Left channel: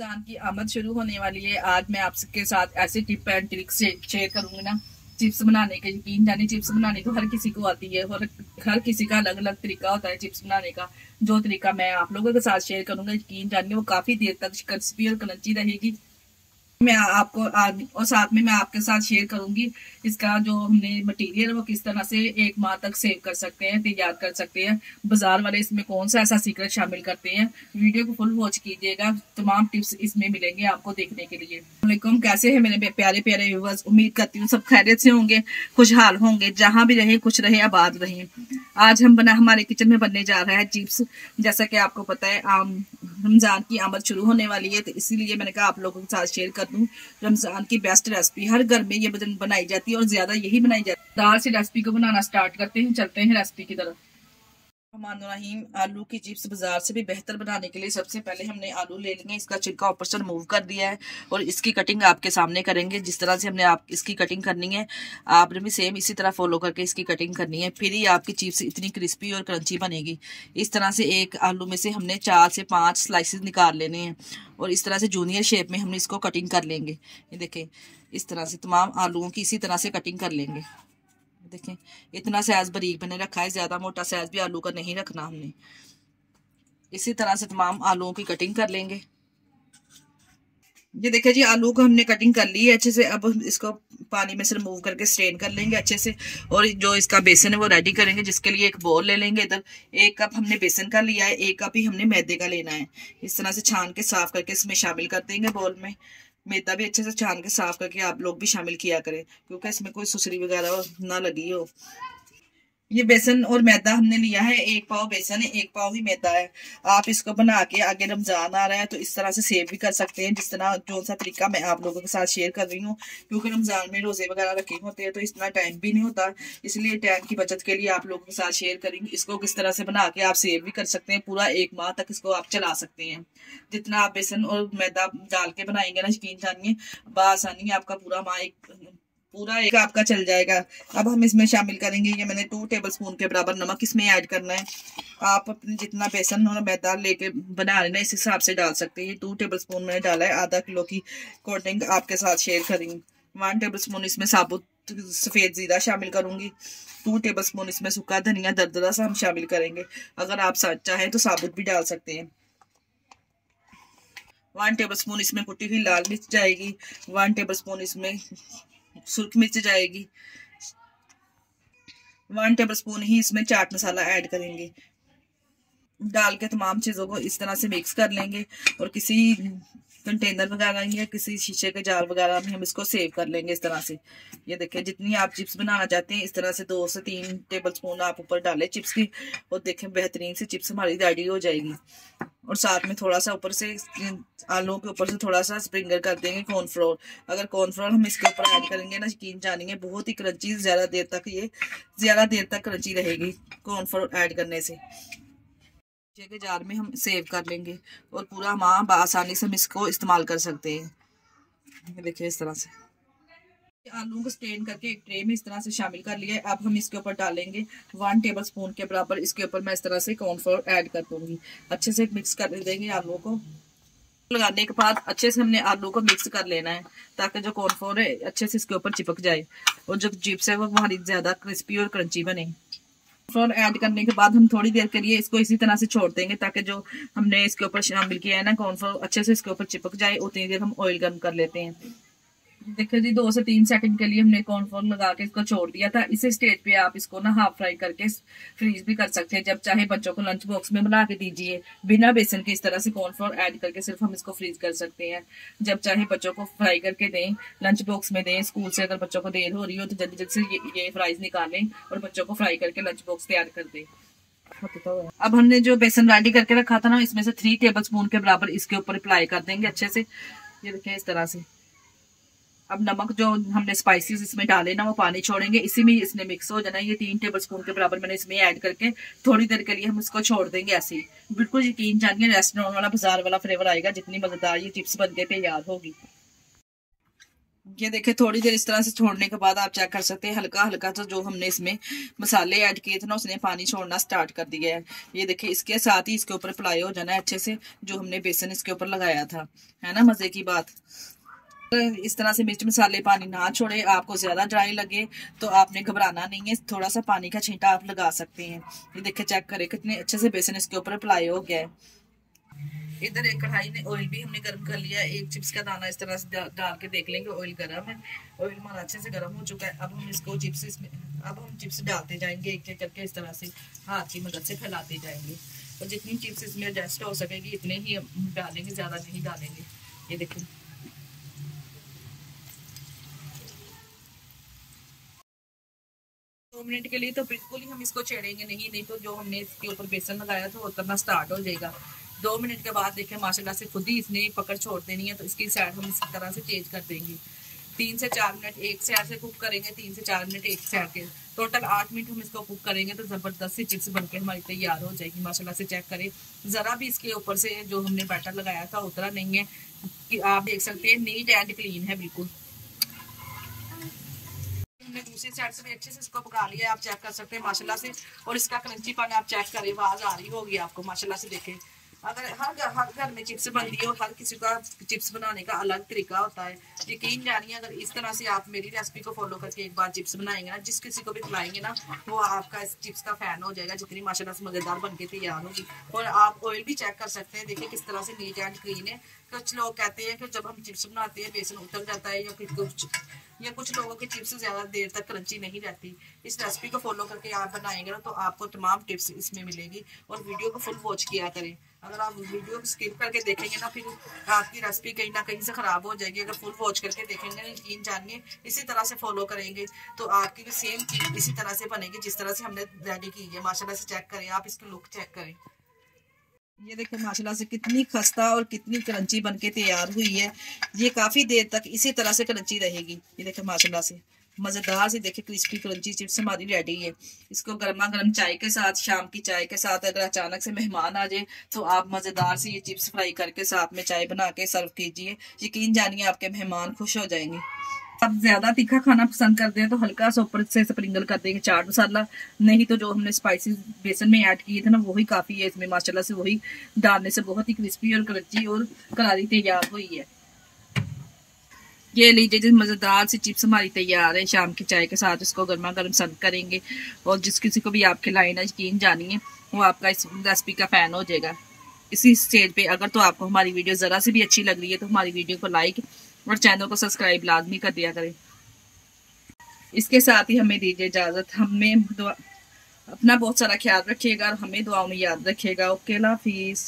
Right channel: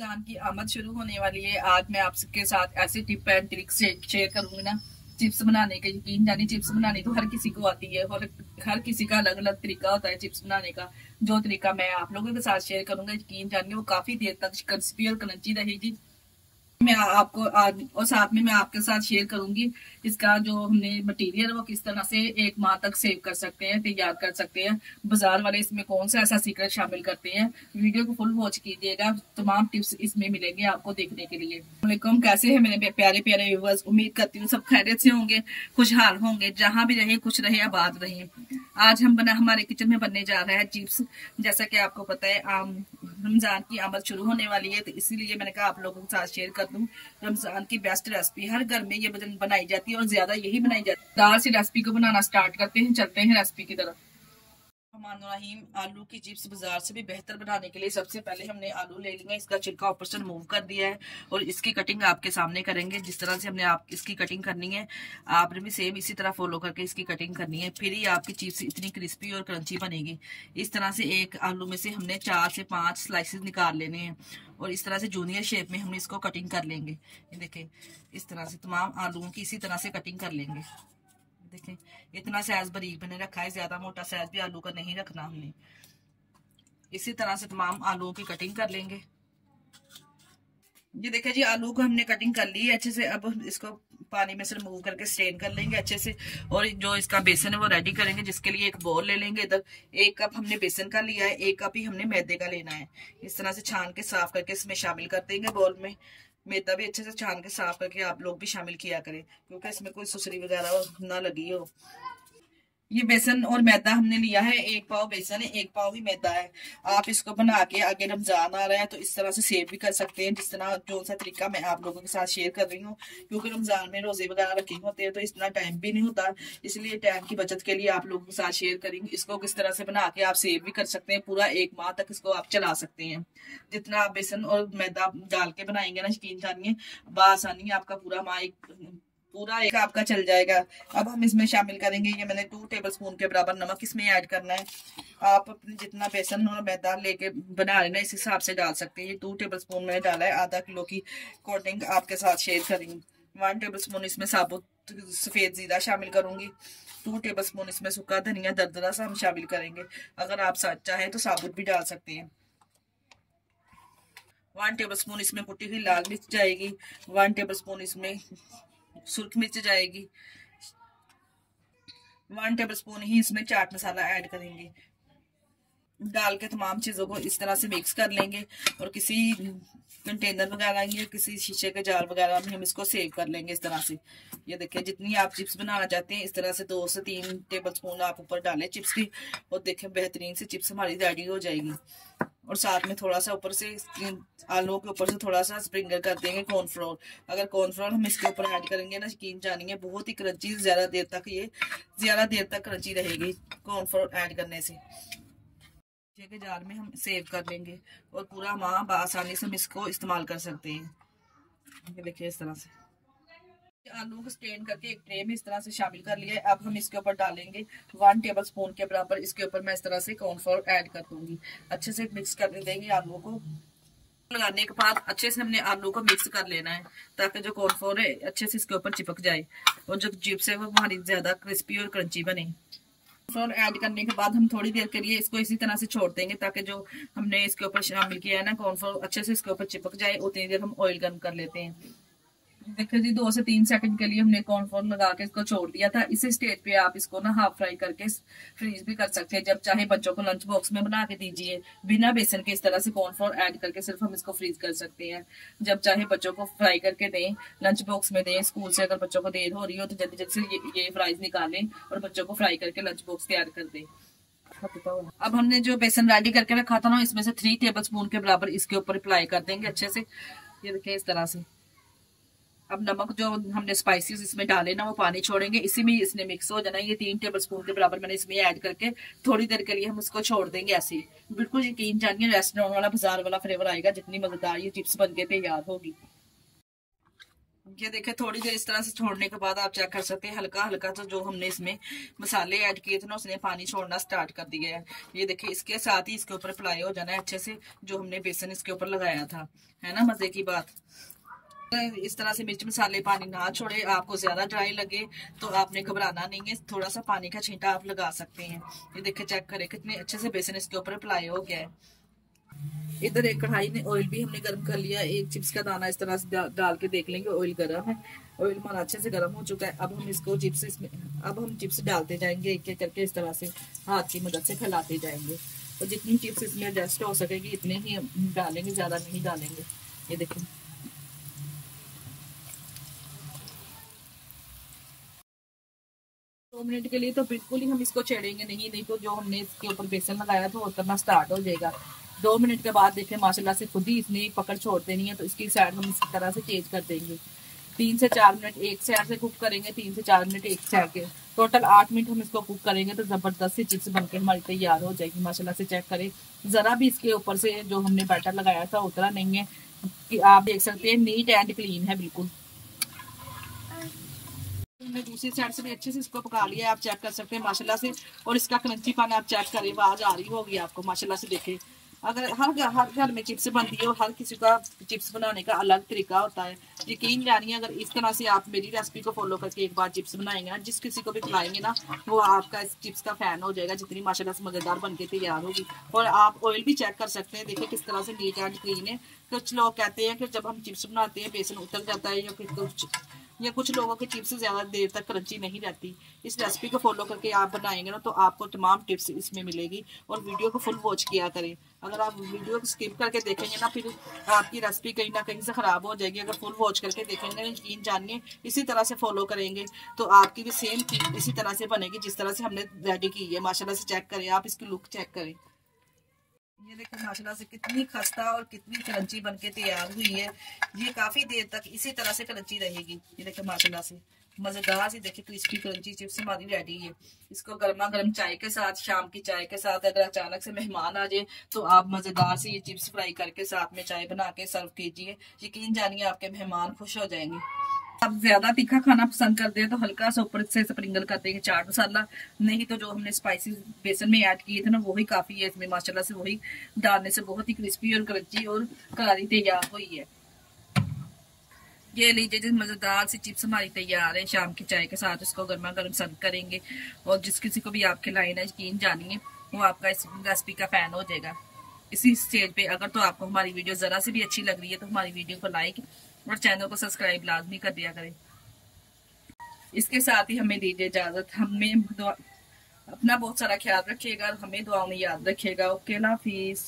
रमजान की आमद शुरू होने वाली है। आज मैं आपके साथ ऐसी टिप एंड ट्रिक शेयर करूंगी ना चिप्स बनाने के। यकीन जानिए चिप्स बनाने तो हर किसी को आती है और हर किसी का अलग अलग तरीका होता है चिप्स बनाने का। जो तरीका मैं आप लोगों के साथ शेयर करूंगा, यकीन जानिए वो काफी देर तक क्रिस्पी और क्रंची रहेगी। मैं आपको और साथ में मैं आपके साथ शेयर करूंगी इसका जो हमने मटेरियल वो किस तरह से 1 माह तक सेव कर सकते हैं, तैयार कर सकते हैं। बाजार वाले इसमें कौन सा ऐसा सीक्रेट शामिल करते हैं। वीडियो को फुल वॉच कीजिएगा, तमाम टिप्स इसमें मिलेंगे आपको देखने के लिए। वालेकुम, कैसे हैं मेरे प्यारे प्यारे व्यूअर्स। उम्मीद करती हूँ सब खैरियत से होंगे, खुशहाल होंगे, जहां भी रहे खुश रहे, आबाद रहे। आज हमारे किचन में बनने जा रहा है चिप्स। जैसा कि आपको पता है रमजान की आमद शुरू होने वाली है, तो इसीलिए मैंने कहा आप लोगों के साथ शेयर कर दूं रमजान की बेस्ट रेसिपी। हर घर में ये बनाई जाती है और ज्यादा यही बनाई जाती है। दाल से रेसिपी को बनाना स्टार्ट करते हैं, चलते हैं रेसिपी की तरफ। रहीम, आलू की चिप्स बाजार से भी बेहतर बनाने के लिए सबसे पहले हमने आलू ले लेंगे, इसका छिलका ऊपर से रिमूव कर दिया है और इसकी कटिंग आपके सामने करेंगे। जिस तरह से हमने इसकी कटिंग करनी है, आपने भी सेम इसी तरह फॉलो करके इसकी कटिंग करनी है, फिर ही आपकी चिप्स इतनी क्रिस्पी और क्रंची बनेगी। इस तरह से एक आलू में से हमने 4 से 5 स्लाइसेस निकाल लेने हैं और इस तरह से जूनियर शेप में हमने इसको कटिंग कर लेंगे। ये देखें, इस तरह से तमाम आलूओं की इसी तरह से कटिंग कर लेंगे। देखें, इतना साइज बारीक मैंने रखा है, ज्यादा मोटा साइज भी आलू का नहीं रखना हमने। इसी तरह से तमाम आलूओं की कटिंग कर लेंगे। ये देखिए जी, आलू को हमने कटिंग कर ली है अच्छे से। अब इसको पानी में से रिमूव करके स्ट्रेन कर लेंगे अच्छे से और जो इसका बेसन है वो रेडी करेंगे, जिसके लिए एक बोल ले लेंगे। इधर 1 कप हमने बेसन का लिया है, 1 कप ही हमने मैदे का लेना है। इस तरह से छान के साफ करके इसमें शामिल कर देंगे बोल में। मैदा भी अच्छे से छान के साफ करके आप लोग भी शामिल किया करें, क्योंकि इसमें कोई सुसरी वगैरह ना लगी हो। ये बेसन और मैदा हमने लिया है, 1 पाव बेसन है, 1 पाव ही मैदा है। आप इसको बना के, आगे रमजान आ रहा है तो इस तरह से सेव भी कर सकते हैं, जिस तरह जो सा तरीका मैं आप लोगों के साथ शेयर कर रही हूँ। क्योंकि रमजान में रोजे वगैरह रखे होते हैं तो इतना टाइम भी नहीं होता, इसलिए टाइम की बचत के लिए आप लोगों के साथ शेयर करेंगे। इसको किस तरह से बना के आप सेव भी कर सकते हैं, पूरा 1 माह तक इसको आप चला सकते हैं। जितना आप बेसन और मैदा डाल के बनाएंगे ना, यकीन जानिए बासानी आपका पूरा एक आपका चल जाएगा। अब हम इसमें शामिल करेंगे, ये मैंने 2 टेबलस्पून के बराबर नमक इसमें ऐड करना है। आप अपने जितना बेसन और मैदा लेके बना लेना इस हिसाब से डाल सकते हैं। ये 2 टेबलस्पून मैंने डाला है, आधा किलो की कोटिंग आपके साथ शेयर करेंगे। 1 टेबलस्पून इसमें साबुत सफेद जीरा शामिल करूंगी। 2 टेबलस्पून इसमें सूखा धनिया दरदरा सा हम शामिल करेंगे। अगर आप चाहें तो साबुत भी डाल सकते हैं। 1 टेबलस्पून इसमें कुटी हुई लाल मिर्च जाएगी। 1 टेबलस्पून इसमें सुर्ख मिर्च जाएगी। 1 टेबलस्पून ही इसमें चाट मसाला ऐड करेंगे। डाल के तमाम चीजों को इस तरह से मिक्स कर लेंगे और किसी कंटेनर वगैरह या किसी शीशे के जार वगैरह में हम इसको सेव कर लेंगे इस तरह से। ये देखिए, जितनी आप चिप्स बनाना चाहते हैं इस तरह से 2 से 3 टेबलस्पून आप ऊपर डालें चिप्स की और देखें बेहतरीन सी चिप्स हमारी रेडी हो जाएगी। और साथ में थोड़ा सा ऊपर से आलू के ऊपर से थोड़ा सा स्प्रिंकल कर देंगे कॉर्नफ्लोर। अगर कॉर्नफ्लोर हम इसके ऊपर ऐड करेंगे ना, यकीन जानेंगे बहुत ही क्रंची, ज्यादा देर तक क्रंची रहेगी कॉर्नफ्लोर ऐड करने से। के जार में हम सेव कर लेंगे और पूरा माह आसानी से हम इसको इस्तेमाल कर सकते हैं। ये देखिए, इस तरह से आलू को स्ट्रेन करके एक ट्रे में इस तरह से शामिल कर लिया है। अब हम इसके ऊपर डालेंगे 1 टेबलस्पून के बराबर, इसके ऊपर मैं इस तरह से कॉर्नफ्लोर ऐड कर दूंगी। अच्छे से मिक्स कर देंगे आलू को। लगाने के बाद अच्छे से हमने आलू को मिक्स कर लेना है ताकि जो कॉर्नफ्लोर है अच्छे से इसके ऊपर चिपक जाए और जो चिप्स है वो हमारी ज्यादा क्रिस्पी और क्रंची बने। कॉर्नफ्लोर ऐड करने के बाद हम थोड़ी देर के लिए इसको इसी तरह से छोड़ देंगे ताकि जो हमने इसके ऊपर शामिल किया है ना कॉर्नफ्लोर अच्छे से इसके ऊपर चिपक जाए। उतनी देर हम ऑयल गर्म कर लेते हैं। देखिए जी, 2 से 3 सेकंड के लिए हमने कॉर्नफ्लोर लगा के इसको छोड़ दिया था। इसी स्टेज पे आप इसको ना हाफ फ्राई करके फ्रीज भी कर सकते हैं। जब चाहे बच्चों को लंच बॉक्स में बना के दीजिए बिना बेसन के, इस तरह से कॉर्नफ्लोर ऐड करके सिर्फ हम इसको फ्रीज कर सकते हैं। जब चाहे बच्चों को फ्राई करके दें, लंच बॉक्स में दें। स्कूल से अगर बच्चों को देर हो रही हो तो जल्दी जल्दी से ये फ्राइज निकालें और बच्चों को फ्राई करके लंच बॉक्स तैयार कर दें। अब हमने जो बेसन रेडी करके रखा था ना, इसमें से 3 टेबलस्पून के बराबर इसके ऊपर अप्लाई कर देंगे अच्छे से। ये देखिए, इस तरह से। अब नमक जो हमने स्पाइसेस इसमें डाले ना वो पानी छोड़ेंगे, इसी में इसने मिक्स हो जाना है। ये 3 टेबलस्पून के बराबर मैंने इसमें ऐड करके थोड़ी देर के लिए हम इसको छोड़ देंगे ऐसे ही। बिल्कुल यकीन जानिए रेस्टोरेंट वाला, बाजार वाला फ्लेवर आएगा। जितनी मजेदार ये चिप्स बन के तैयार होगी। ये देखिए थोड़ी देर इस तरह से छोड़ने के बाद आप चेक कर सकते हैं हल्का हल्का तो जो हमने इसमें मसाले ऐड किए थे ना उसने पानी छोड़ना स्टार्ट कर दिया है। ये देखिए इसके साथ ही इसके ऊपर फ्राई हो जाना है अच्छे से, जो हमने बेसन इसके ऊपर लगाया था, है ना मजे की बात। इस तरह से मिर्च मसाले पानी ना छोड़े, आपको ज्यादा ड्राई लगे तो आपने घबराना नहीं है, थोड़ा सा पानी का छींटा आप लगा सकते हैं। ये देखिए चेक करें कितने अच्छे से बेसन इसके ऊपर अप्लाई हो गया है। इधर एक कढ़ाई में ऑयल भी हमने गर्म कर लिया, एक चिप्स का दाना इस तरह से डाल के देख लेंगे ऑयल गर्म है। ऑयल हमारा अच्छे से गर्म हो चुका है। अब हम इसको चिप्स इसमें अब हम चिप्स डालते जाएंगे एक एक करके, इस तरह से हाथ की मदद से फैलाते जाएंगे और जितनी चिप्स इसमें एडजस्ट हो सकेगी इतने ही डालेंगे, ज्यादा नहीं डालेंगे। ये देखिए 2 मिनट के लिए तो बिल्कुल ही हम इसको छेड़ेंगे नहीं तो जो हमने इसके ऊपर बेसन लगाया था वो करना स्टार्ट हो जाएगा। 2 मिनट के बाद देखें माशाल्लाह से खुद ही इसने पकड़ छोड़ देनी है, तो इसकी साइड हम इस तरह से चेंज कर देंगे। 3 से 4 मिनट एक साइड से कुक करेंगे, 3 से 4 मिनट एक साइड के, टोटल 8 मिनट हम इसको कुक करेंगे तो जबरदस्त सी चिप्स बनके हमारी तैयार हो जाएगी। माशाल्लाह से चेक करें, जरा भी इसके ऊपर से जो हमने बैटर लगाया था उतरा नहीं है, कि आप देख सकते हैं नीट एंड क्लीन है बिल्कुल। हमने दूसरी साइड से भी अच्छे से इसको पका लिया है, आप चेक कर सकते हैं माशाल्लाह से। और इसका क्रंची पानी आप चेक करें, आवाज आ रही होगी आपको माशाल्लाह से। देखें अगर हर घर में चिप्स बनती है और हर किसी का चिप्स बनाने का अलग तरीका होता है, यकीन जानिए अगर इस तरह से आप मेरी रेसिपी को फॉलो करके एक बार चिप्स बनाएंगे ना, जिस किसी को भी खिलाएंगे ना वो आपका इस चिप्स का फैन हो जाएगा, जितनी माशाल्लाह से मजेदार बनके तैयार होगी। और आप ऑयल भी चेक कर सकते हैं, देखिए किस तरह से नीट एंड क्लीन है। कुछ लोग कहते हैं कि जब हम चिप्स बनाते हैं बेसन उतर जाता है या कुछ लोगों की चिप्स ज्यादा देर तक क्रंची नहीं रहती। इस रेसिपी को फॉलो करके आप बनाएंगे ना तो आपको तमाम टिप्स इसमें मिलेगी। और वीडियो को फुल वॉच किया करें, अगर आप वीडियो को स्किप करके देखेंगे ना फिर आपकी रेसिपी कहीं ना कहीं से खराब हो जाएगी। अगर फुल वॉच करके देखेंगे, यकीन जानिए इसी तरह से फॉलो करेंगे तो आपकी भी सेम चीज इसी तरह से बनेगी जिस तरह से हमने रेडी की है। माशाल्लाह से चेक करें, आप इसकी लुक चेक करें। ये देखो माशाल्लाह से कितनी खस्ता और कितनी क्रंची बनके तैयार हुई है। ये काफी देर तक इसी तरह से क्रंची रहेगी। ये देखो माशाल्लाह से मजेदार से देखिए क्रिस्पी क्रंची चिप्स हमारी रेडी है। इसको गर्मा गर्म चाय के साथ, शाम की चाय के साथ अगर अचानक से मेहमान आ जाए तो आप मजेदार से ये चिप्स फ्राई करके साथ में चाय बना के सर्व कीजिए, यकीन जानिए आपके मेहमान खुश हो जाएंगे। आप ज्यादा तीखा खाना पसंद करते हैं तो हल्का सा ऊपर से स्प्रिंकल कर देंगे चाट मसाला, नहीं तो जो हमने स्पाइसेस बेसन में ऐड किए थे ना वही काफी है इसमें। माशाल्लाह से वही डालने से बहुत ही क्रिस्पी और क्रंची और करारी तैयार हुई है। ये लीजिए जिस मजेदार सी चिप्स हमारी तैयार है, शाम की चाय के साथ इसको गर्मा गर्म सर्व करेंगे और जिस किसी को भी आप खिलाएं ना यकीन जानिए वो आपका इस रेसिपी का फैन हो जाएगा। इसी स्टेज पे अगर तो आपको हमारी वीडियो जरा से भी अच्छी लग रही है तो हमारी वीडियो को लाइक और चैनल को सब्सक्राइब लाजमी कर दिया करें। इसके साथ ही हमें दीजिए इजाजत। हमें अपना बहुत सारा ख्याल रखिएगा और हमें दुआओं में याद रखिएगा। ओके, अल्लाह हाफिज।